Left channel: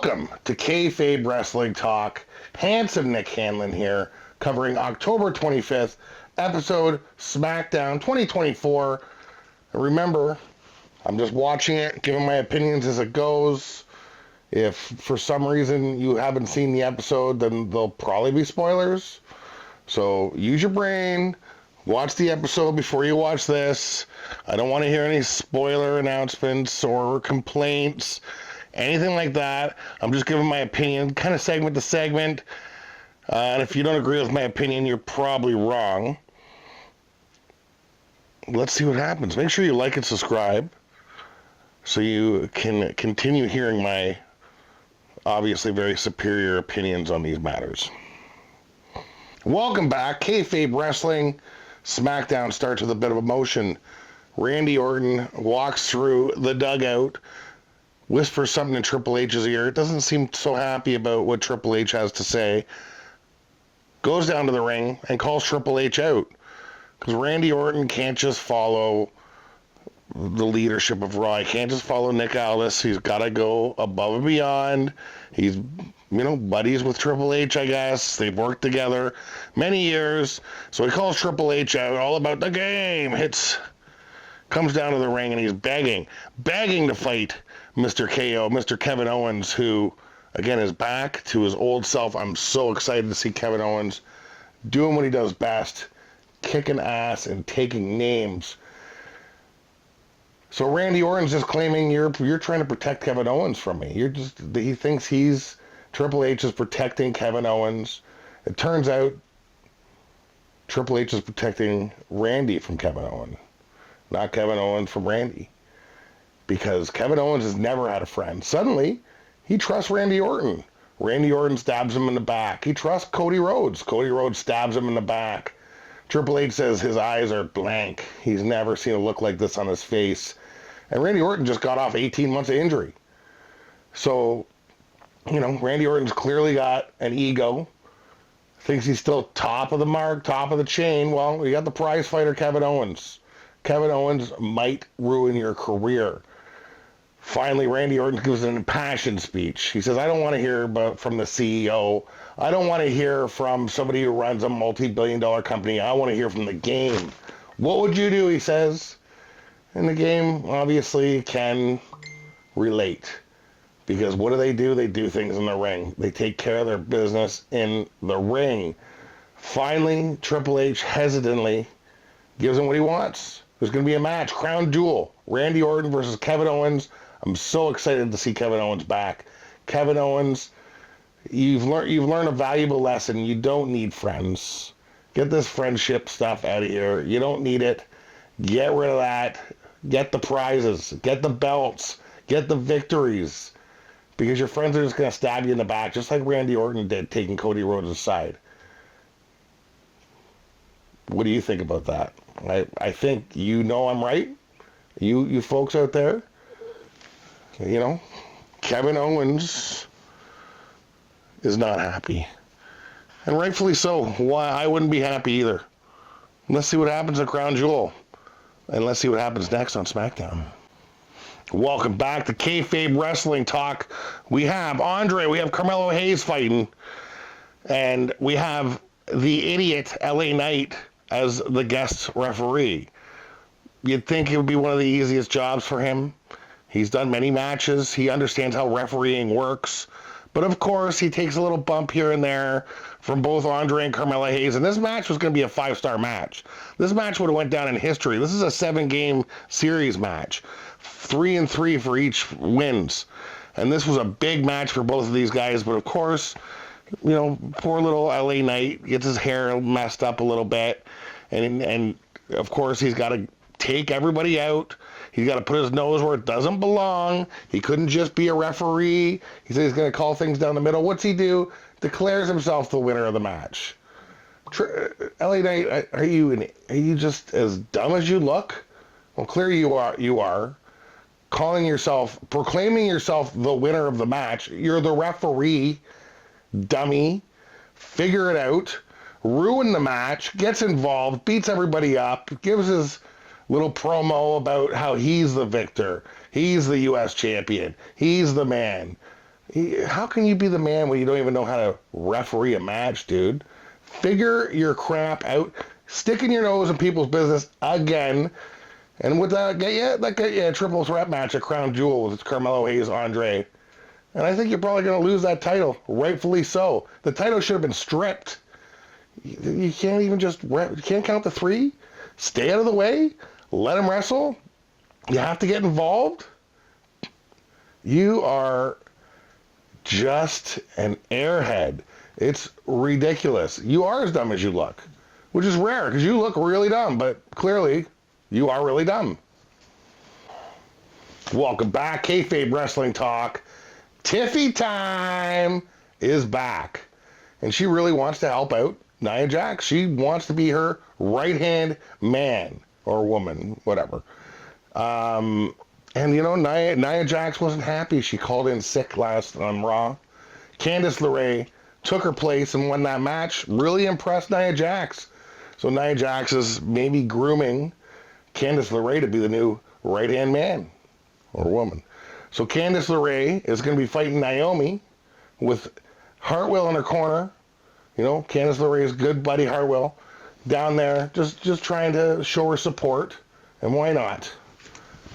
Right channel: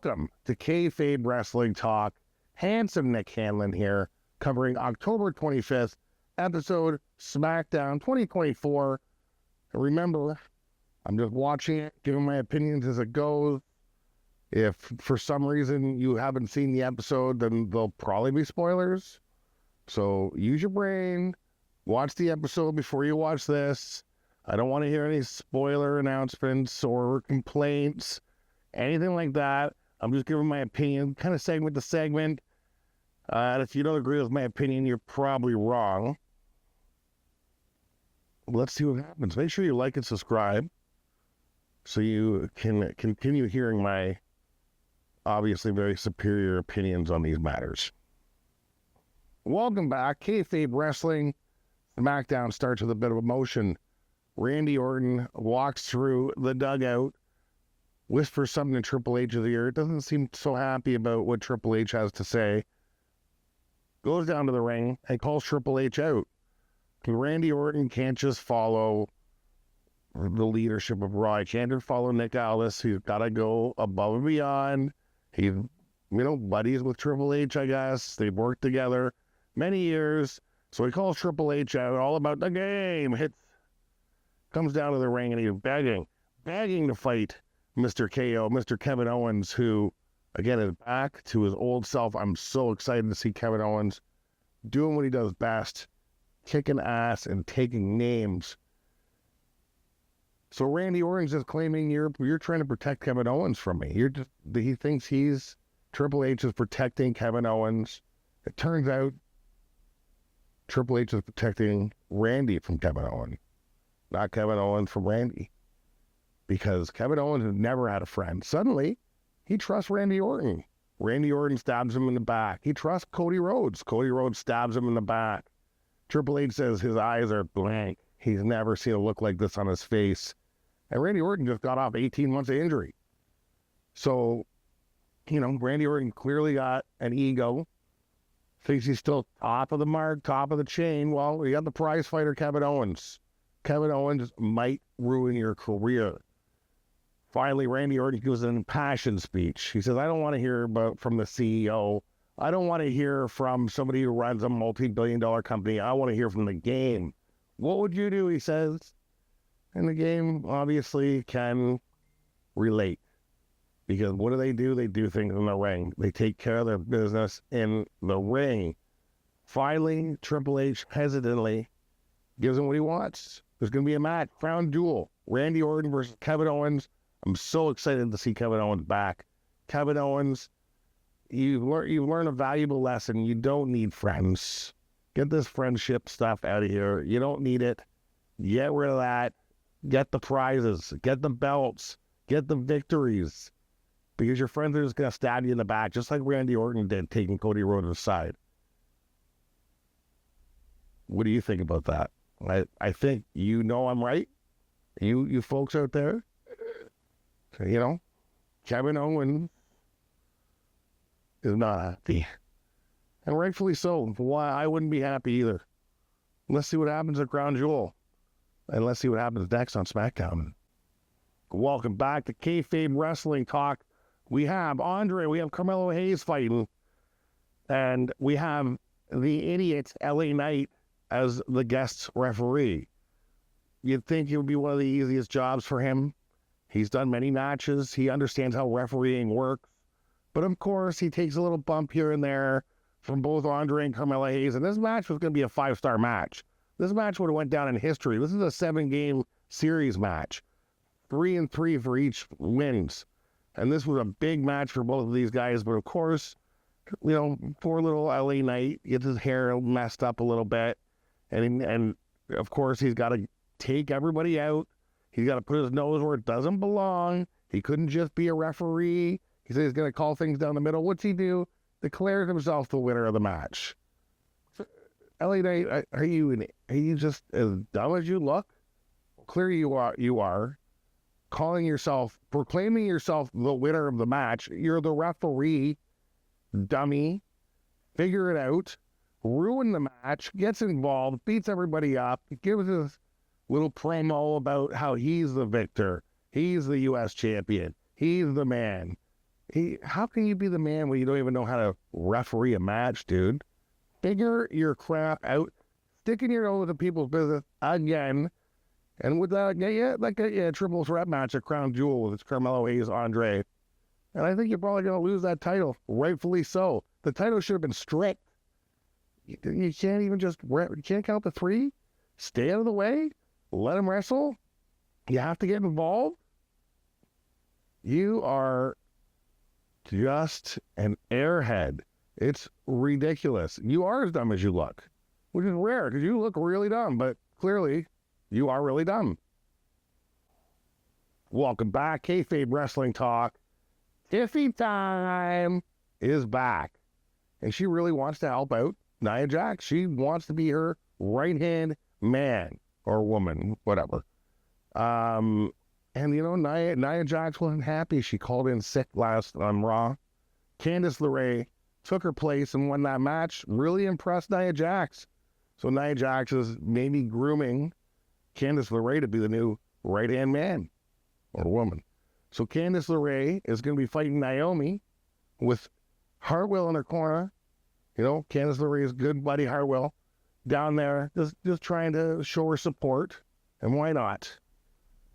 Welcome to Kayfabe Wrestling Talk. Handsome Nick Hanlon here, covering October 25th episode SmackDown 2024. Remember, I'm just watching it, giving my opinions as it goes. If for some reason you haven't seen the episode, then there'll probably be spoilers. So use your brain, watch the episode before you watch this. I don't want to hear any spoiler announcements or complaints, anything like that. I'm just giving my opinion, kind of segment to segment. And if you don't agree with my opinion, you're probably wrong. Let's see what happens. Make sure you like and subscribe so you can continue hearing my obviously very superior opinions on these matters. Welcome back. Kayfabe Wrestling. SmackDown starts with a bit of emotion. Randy Orton walks through the dugout, whispers something in Triple H's ear. Doesn't seem so happy about what Triple H has to say. Goes down to the ring and calls Triple H out. Because Randy Orton can't just follow the leadership of Raw. He can't just follow Nick Aldis. He's got to go above and beyond. He's, buddies with Triple H, I guess. They've worked together many years. So he calls Triple H out, all about the game. Comes down to the ring and he's begging to fight Mr. KO, Mr. Kevin Owens, who, again, is back to his old self. I'm so excited to see Kevin Owens doing what he does best, kicking ass and taking names. So Randy Orton's just claiming you're trying to protect Kevin Owens from me. He thinks Triple H is protecting Kevin Owens. It turns out Triple H is protecting Randy from Kevin Owens, not Kevin Owens from Randy. Because Kevin Owens has never had a friend. Suddenly, he trusts Randy Orton. Randy Orton stabs him in the back. He trusts Cody Rhodes. Cody Rhodes stabs him in the back. Triple H says his eyes are blank. He's never seen a look like this on his face. And Randy Orton just got off 18 months of injury. So, Randy Orton's clearly got an ego. Thinks he's still top of the mark, top of the chain. Well, you got the prize fighter, Kevin Owens. Kevin Owens might ruin your career. Finally, Randy Orton gives an impassioned speech. He says, I don't want to hear from the CEO. I don't want to hear from somebody who runs a multi-billion-dollar company. I want to hear from the game. What would you do, he says. And the game obviously can relate. Because what do? They do things in the ring. They take care of their business in the ring. Finally, Triple H hesitantly gives him what he wants. There's going to be a match, crown jewel. Randy Orton versus Kevin Owens. I'm so excited to see Kevin Owens back. Kevin Owens, you've learned a valuable lesson. You don't need friends. Get this friendship stuff out of here. You don't need it. Get rid of that. Get the prizes. Get the belts. Get the victories. Because your friends are just going to stab you in the back, just like Randy Orton did, taking Cody Rhodes aside. What do you think about that? I think I'm right. You folks out there. Kevin Owens is not happy. And rightfully so. Why? I wouldn't be happy either. Let's see what happens at Crown Jewel. And let's see what happens next on SmackDown. Welcome back to Kayfabe Wrestling Talk. We have Andre, we have Carmelo Hayes fighting. And we have the idiot LA Knight as the guest referee. You'd think it would be one of the easiest jobs for him. He's done many matches. He understands how refereeing works. But of course, he takes a little bump here and there from both Andre and Carmelo Hayes. And this match was going to be a 5-star match. This match would have went down in history. This is a 7-game series match. 3-3 for each wins. And this was a big match for both of these guys. But of course, poor little LA Knight gets his hair messed up a little bit. And of course, he's got to take everybody out. He's got to put his nose where it doesn't belong. He couldn't just be a referee. He said he's going to call things down the middle. What's he do? Declares himself the winner of the match. LA Knight, are you just as dumb as you look? Well, clearly you are. Proclaiming yourself the winner of the match. You're the referee, dummy. Figure it out. Ruin the match. Gets involved. Beats everybody up. Gives his little promo about how he's the victor. He's the U.S. champion. He's the man. How can you be the man when you don't even know how to referee a match, dude? Figure your crap out. Sticking your nose in people's business again. And with that, get you a triple threat match at Crown Jewel with Carmelo Hayes, Andre. And I think you're probably going to lose that title, rightfully so. The title should have been stripped. You can't even you can't count the three? Stay out of the way? Let him wrestle? You have to get involved? You are just an airhead. It's ridiculous. You are as dumb as you look, which is rare because you look really dumb, but clearly you are really dumb. Welcome back, Kayfabe Wrestling Talk. Tiffy time is back, and she really wants to help out Nia Jax. She wants to be her right-hand man or woman, whatever. And, you know, Nia Jax wasn't happy. She called in sick last on Raw. Candice LeRae took her place and won that match. Really impressed Nia Jax. So Nia Jax is maybe grooming Candice LeRae to be the new right-hand man or woman. So Candice LeRae is going to be fighting Naomi with Hartwell in her corner. You know, Candice LeRae's good buddy Hartwell down there just trying to show her support. And why not?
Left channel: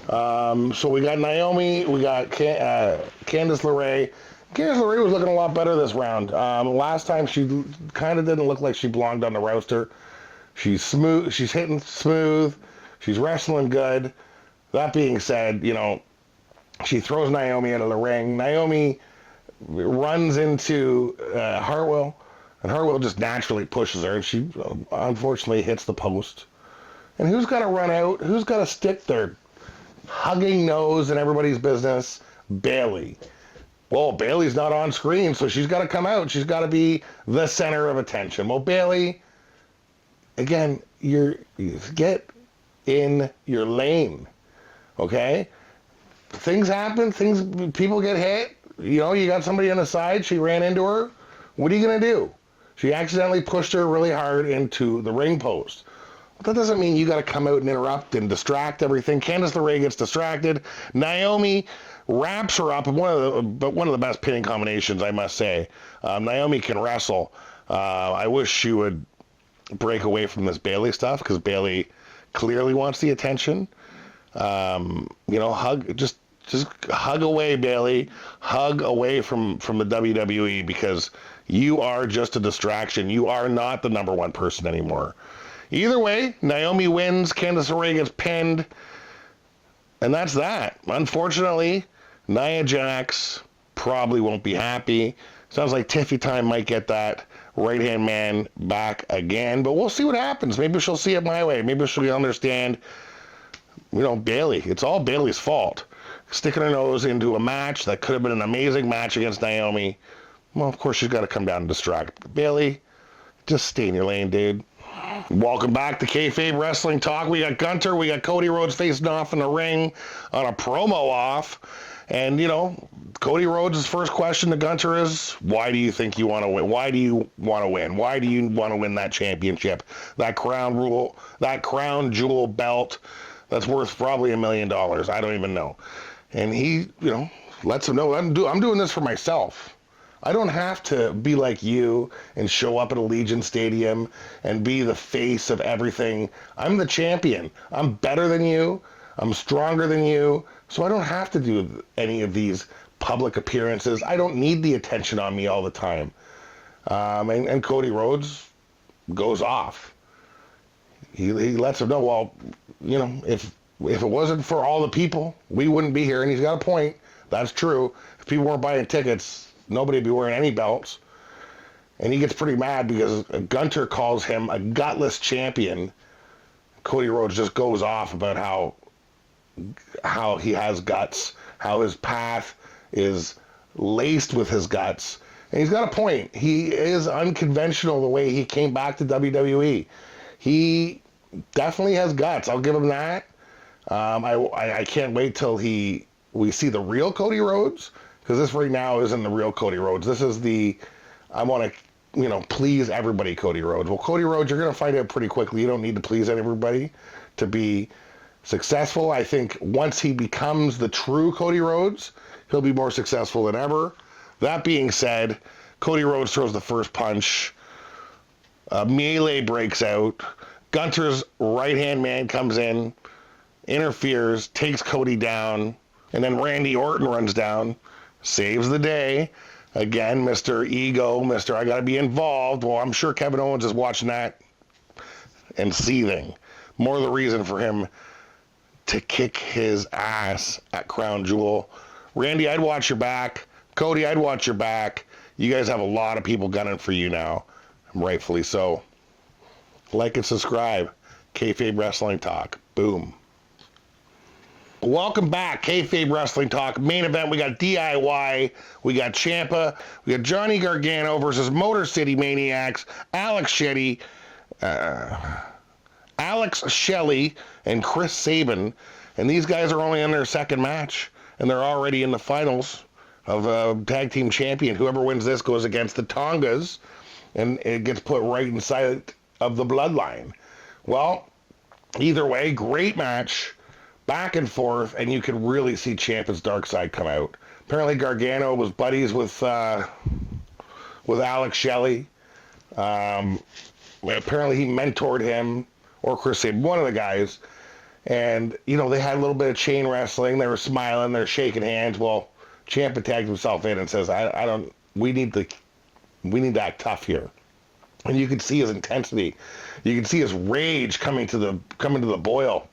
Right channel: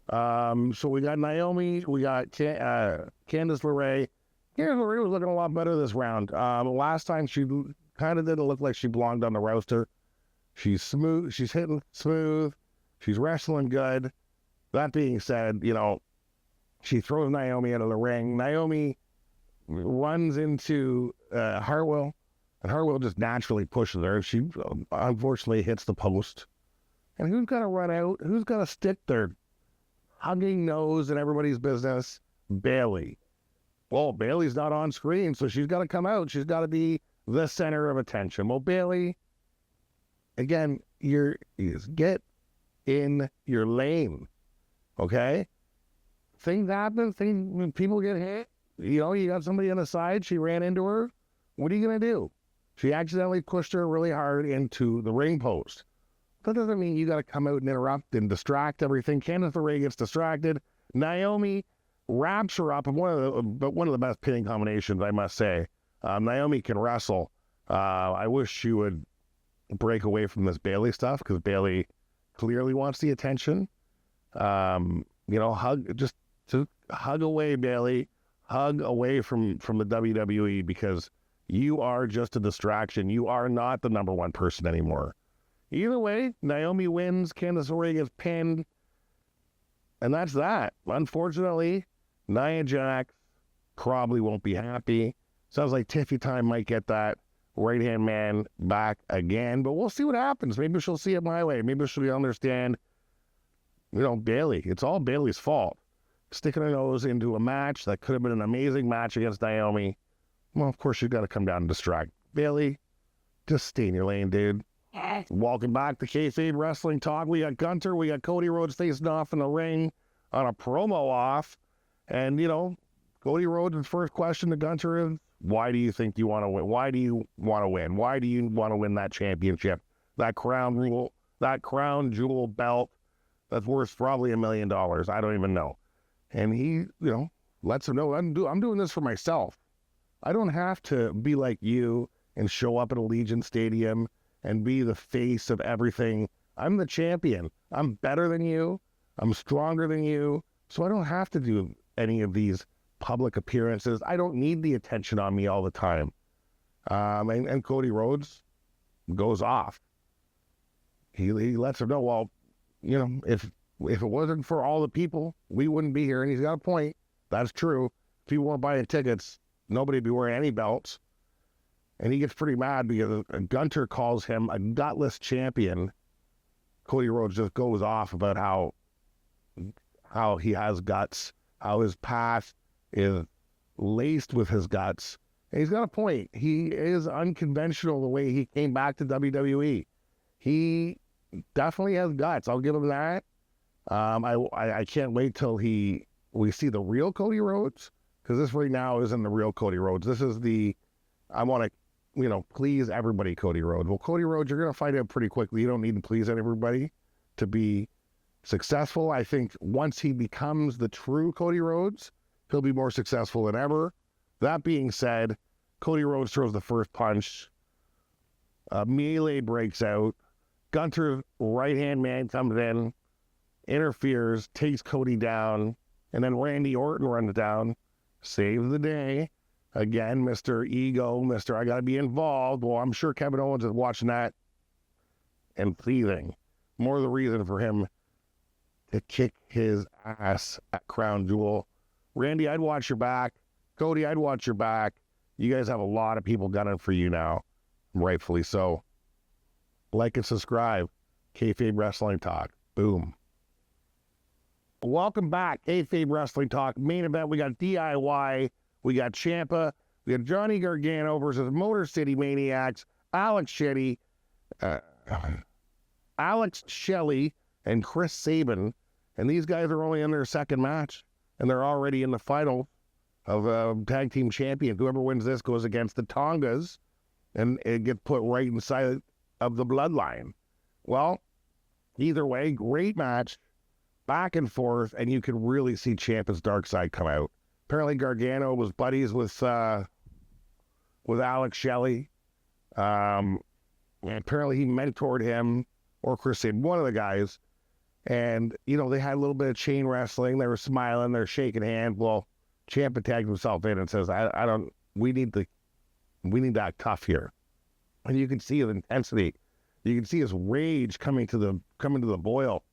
So we got Naomi, we got Candice LeRae. Candice LeRae was looking a lot better this round. Last time she kind of didn't look like she belonged on the roster. She's smooth. She's hitting smooth. She's wrestling good. That being said, you know, she throws Naomi into the ring. Naomi runs into Hartwell, and Hartwell just naturally pushes her. She unfortunately hits the post. And who's got to run out? Who's got to stick their hugging nose in everybody's business? Bayley. Well, Bayley's not on screen, so she's got to come out. She's got to be the center of attention. Well, Bayley, again, you get in your lane, okay? Things happen. People get hit. You know, you got somebody on the side. She ran into her. What are you gonna do? She accidentally pushed her really hard into the ring post. That doesn't mean you got to come out and interrupt and distract everything. Candice LeRae gets distracted. Naomi wraps her up. One of the best pinning combinations, I must say. Naomi can wrestle. I wish she would break away from this Bayley stuff because Bayley clearly wants the attention. You know, just hug away, Bayley. Hug away from the WWE because you are just a distraction. You are not the number one person anymore. Either way, Naomi wins, Candice LeRae gets pinned, and that's that. Unfortunately, Nia Jax probably won't be happy. Sounds like Tiffy Time might get that right-hand man back again, but we'll see what happens. Maybe she'll see it my way. Maybe she'll understand, you know, Bayley. It's all Bayley's fault. Sticking her nose into a match that could have been an amazing match against Naomi. Well, of course, she's got to come down and distract. Bayley, just stay in your lane, dude. Welcome back to Kayfabe Wrestling Talk. We got Gunter, we got Cody Rhodes facing off in the ring on a promo off. And, you know, Cody Rhodes' first question to Gunter is, why do you think you want to win? Why do you want to win? Why do you want to win that championship? That crown jewel belt that's worth probably $1 million. I don't even know. And he, you know, lets him know, I'm doing this for myself. I don't have to be like you and show up at Allegiant Stadium and be the face of everything. I'm the champion. I'm better than you. I'm stronger than you. So I don't have to do any of these public appearances. I don't need the attention on me all the time. And Cody Rhodes goes off. He lets him know, well, you know, if it wasn't for all the people, we wouldn't be here. And he's got a point. That's true. If people weren't buying tickets, nobody would be wearing any belts. And he gets pretty mad because Gunter calls him a gutless champion. Cody Rhodes just goes off about how he has guts, how his path is laced with his guts. And he's got a point. He is unconventional the way he came back to WWE. He definitely has guts. I'll give him that. I can't wait till we see the real Cody Rhodes, because this right now isn't the real Cody Rhodes. This is I want to, you know, please everybody Cody Rhodes. Well, Cody Rhodes, you're going to find out pretty quickly. You don't need to please everybody to be successful. I think once he becomes the true Cody Rhodes, he'll be more successful than ever. That being said, Cody Rhodes throws the first punch. Melee breaks out. Gunther's right-hand man comes in, interferes, takes Cody down, and then Randy Orton runs down, saves the day. Again, Mr. Ego, Mr. I gotta be involved. Well, I'm sure Kevin Owens is watching that and seething. More the reason for him to kick his ass at Crown Jewel. Randy, I'd watch your back. Cody, I'd watch your back. You guys have a lot of people gunning for you now. Rightfully so. Like and subscribe. Kayfabe Wrestling Talk. Boom. Welcome back. Kayfabe Wrestling Talk. Main event, we got DIY. We got Ciampa. We got Johnny Gargano versus Motor City Maniacs. Alex Shelley and Chris Sabin. And these guys are only in their second match. And they're already in the finals of Tag Team Champion. Whoever wins this goes against the Tongas. And it gets put right inside of the Bloodline. Well, either way, great match. Back and forth. And you could really see Ciampa's dark side come out. Apparently Gargano was buddies with Alex Shelley. Apparently he mentored him, or Chris Sabin, one of the guys. And, you know, they had a little bit of chain wrestling. They were smiling. They're shaking hands. Well, Ciampa tags himself in and says, we need to act tough here. And you can see his intensity. You can see his rage coming to the boil.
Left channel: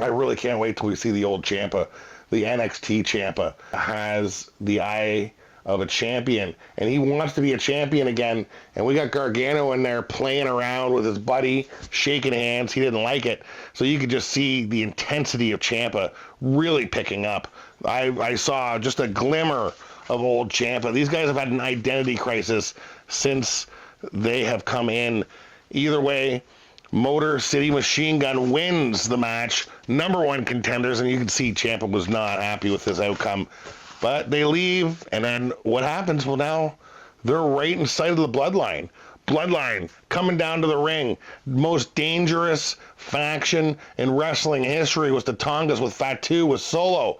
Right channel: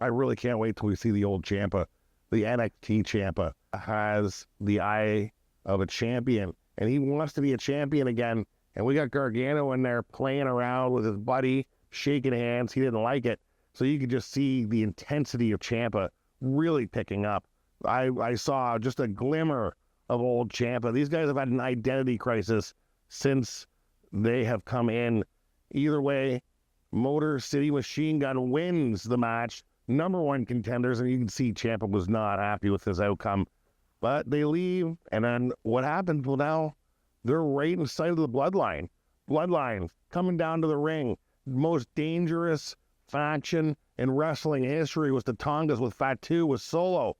I really can't wait till we see the old Ciampa. The NXT Ciampa has the eye of a champion, and he wants to be a champion again. And we got Gargano in there playing around with his buddy, shaking hands. He didn't like it. So you could just see the intensity of Ciampa really picking up. I saw just a glimmer of old Ciampa. These guys have had an identity crisis since they have come in. Either way, Motor City Machine Gun wins the match. Number one contenders, and you can see Ciampa was not happy with this outcome. But they leave, and then what happens? Well, now they're right inside of the Bloodline. Bloodline coming down to the ring. Most dangerous faction in wrestling history was the Tongas with Fatu, with Solo.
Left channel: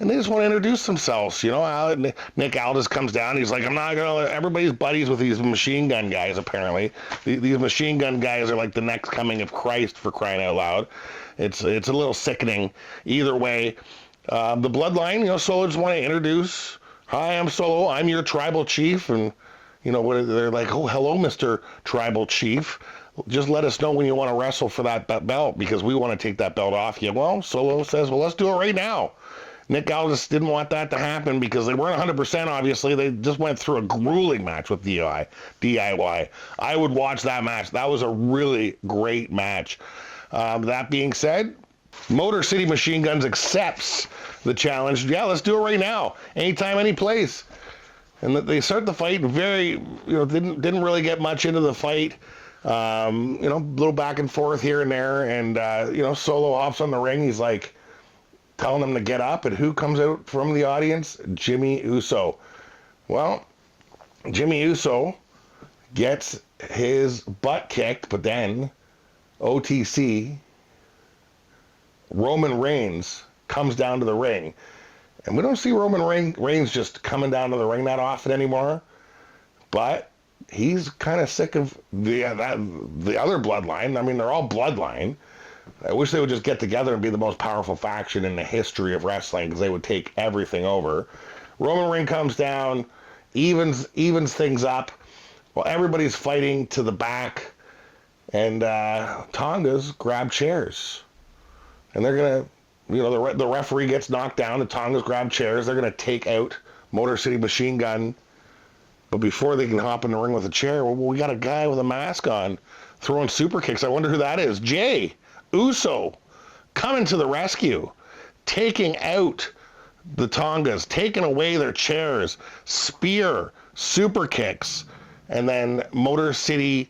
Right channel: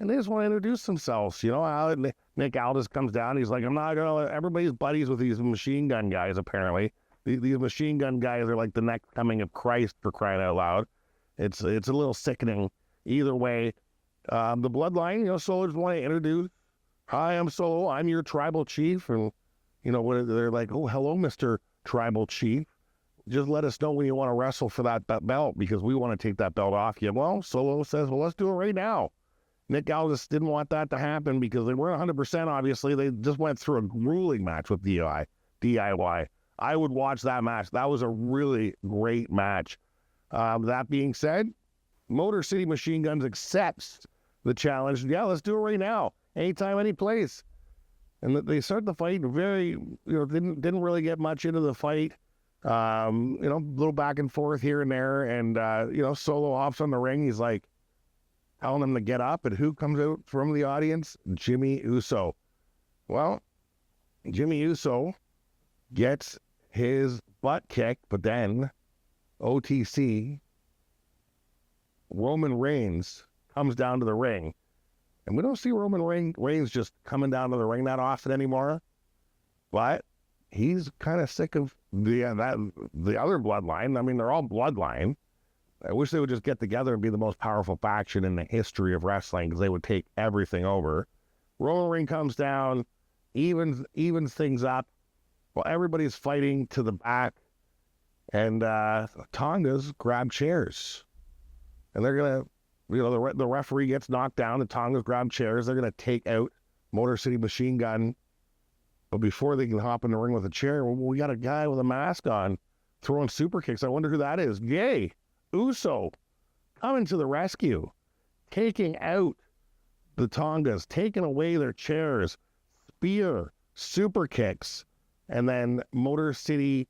And they just want to introduce themselves. You know, Nick Aldis comes down. He's like, I'm not going to, everybody's buddies with these machine gun guys, apparently. These machine gun guys are like the next coming of Christ, for crying out loud. It's a little sickening. Either way, the Bloodline, you know, Solo just want to introduce, hi, I'm Solo, I'm your tribal chief, and, you know, they're like, oh, hello, Mr. Tribal Chief, just let us know when you want to wrestle for that belt, because we want to take that belt off you. Well, Solo says, well, let's do it right now. Nick Aldis didn't want that to happen because they weren't 100%, obviously. They just went through a grueling match with DIY. I would watch that match. That was a really great match. That being said, Motor City Machine Guns accepts the challenge. Yeah, let's do it right now. Anytime, any place. And they start the fight very, you know, didn't really get much into the fight. You know, a little back and forth here and there. And, you know, Solo hops on the ring. He's like telling them to get up. And who comes out from the audience? Jimmy Uso. Well, Jimmy Uso gets his butt kicked, but then OTC, Roman Reigns, comes down to the ring. And we don't see Roman Reigns just coming down to the ring that often anymore. But he's kind of sick of the other Bloodline. I mean, they're all Bloodline. I wish they would just get together and be the most powerful faction in the history of wrestling, because they would take everything over. Roman Reigns comes down, evens things up. Well, everybody's fighting to the back. And Tongas grab chairs. And they're going to, you know, the referee gets knocked down. The Tongas grab chairs. They're going to take out Motor City Machine Gun. But before they can hop in the ring with a chair, well, we got a guy with a mask on throwing super kicks. I wonder who that is. Jey Uso coming to the rescue, taking out the Tongas, taking away their chairs, spear, super kicks, and then Motor City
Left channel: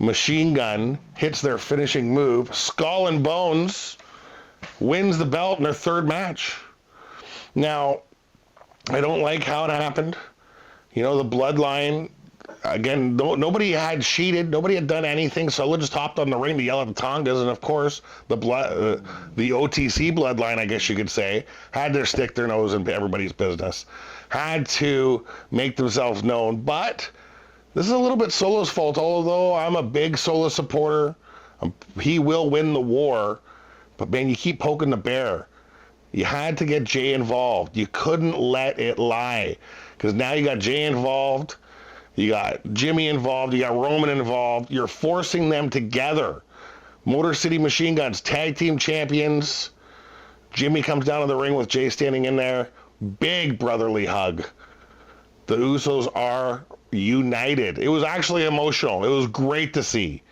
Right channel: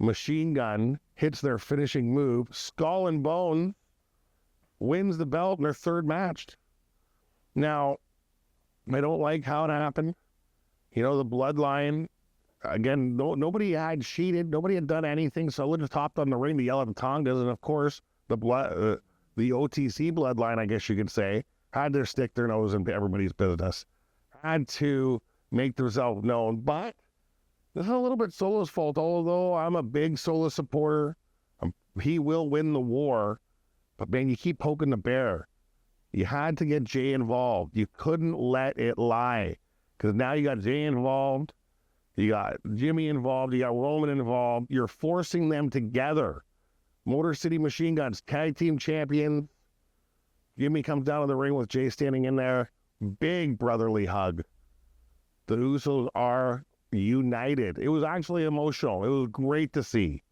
Machine Gun hits their finishing move. Skull and Bones wins the belt in their third match. Now, I don't like how it happened. You know, the Bloodline, again, nobody had cheated. Nobody had done anything. Solo just hopped on the ring to yell at the Tongas. And, of course, the OTC Bloodline, I guess you could say, had to stick their nose in everybody's business. had to make themselves known. But this is a little bit Solo's fault, although I'm a big Solo supporter. He will win the war. But, man, you keep poking the bear. You had to get Jay involved. You couldn't let it lie. Because now you got Jay involved. You got Jimmy involved. You got Roman involved. You're forcing them together. Motor City Machine Guns, tag team champions. Jimmy comes down to the ring with Jay standing in there. Big brotherly hug. The Usos are united. It was actually emotional. It was great to see.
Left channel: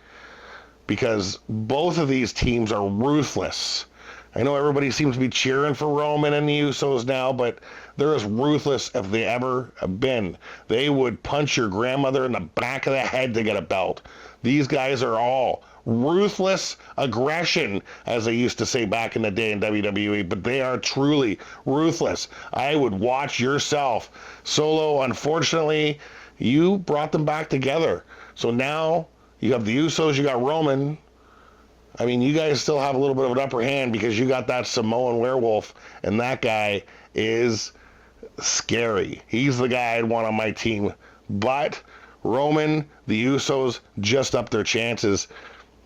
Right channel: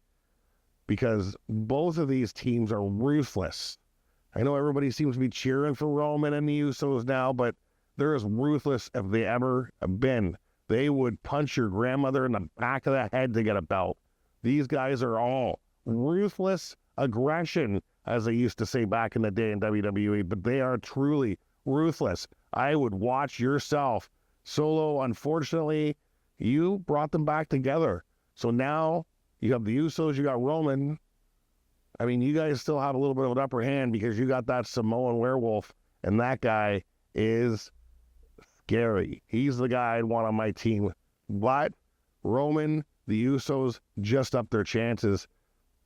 Because both of these teams are ruthless. I know everybody seems to be cheering for Roman and the Usos now, but they're as ruthless as they ever have been. They would punch your grandmother in the back of the head to get a belt. These guys are all ruthless aggression, as they used to say back in the day in WWE, but they are truly ruthless. I would watch yourself. Solo, unfortunately, you brought them back together. So now you have the Usos, you got Roman. I mean, you guys still have a little bit of an upper hand because you got that Samoan werewolf, and that guy is scary. He's the guy I'd want on my team. But Roman, the Usos, just up their chances.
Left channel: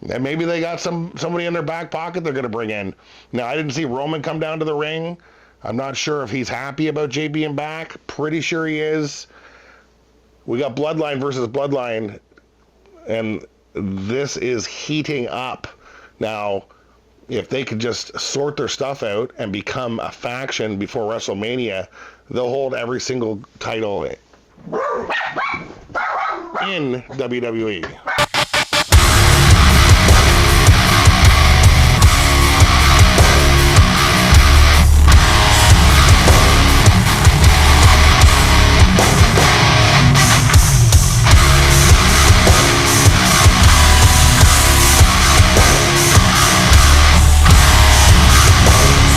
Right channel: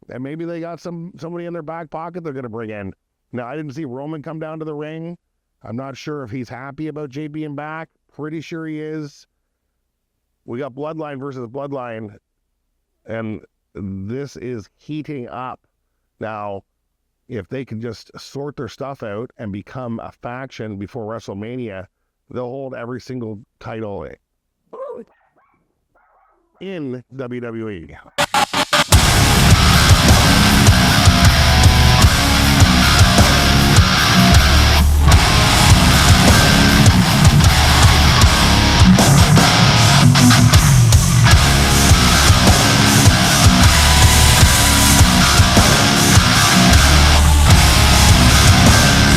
And maybe they got somebody in their back pocket they're going to bring in. Now, I didn't see Roman come down to the ring. I'm not sure if he's happy about Jay being back. Pretty sure he is. We got Bloodline versus Bloodline, and this is heating up. Now, if they could just sort their stuff out and become a faction before WrestleMania, they'll hold every single title in WWE.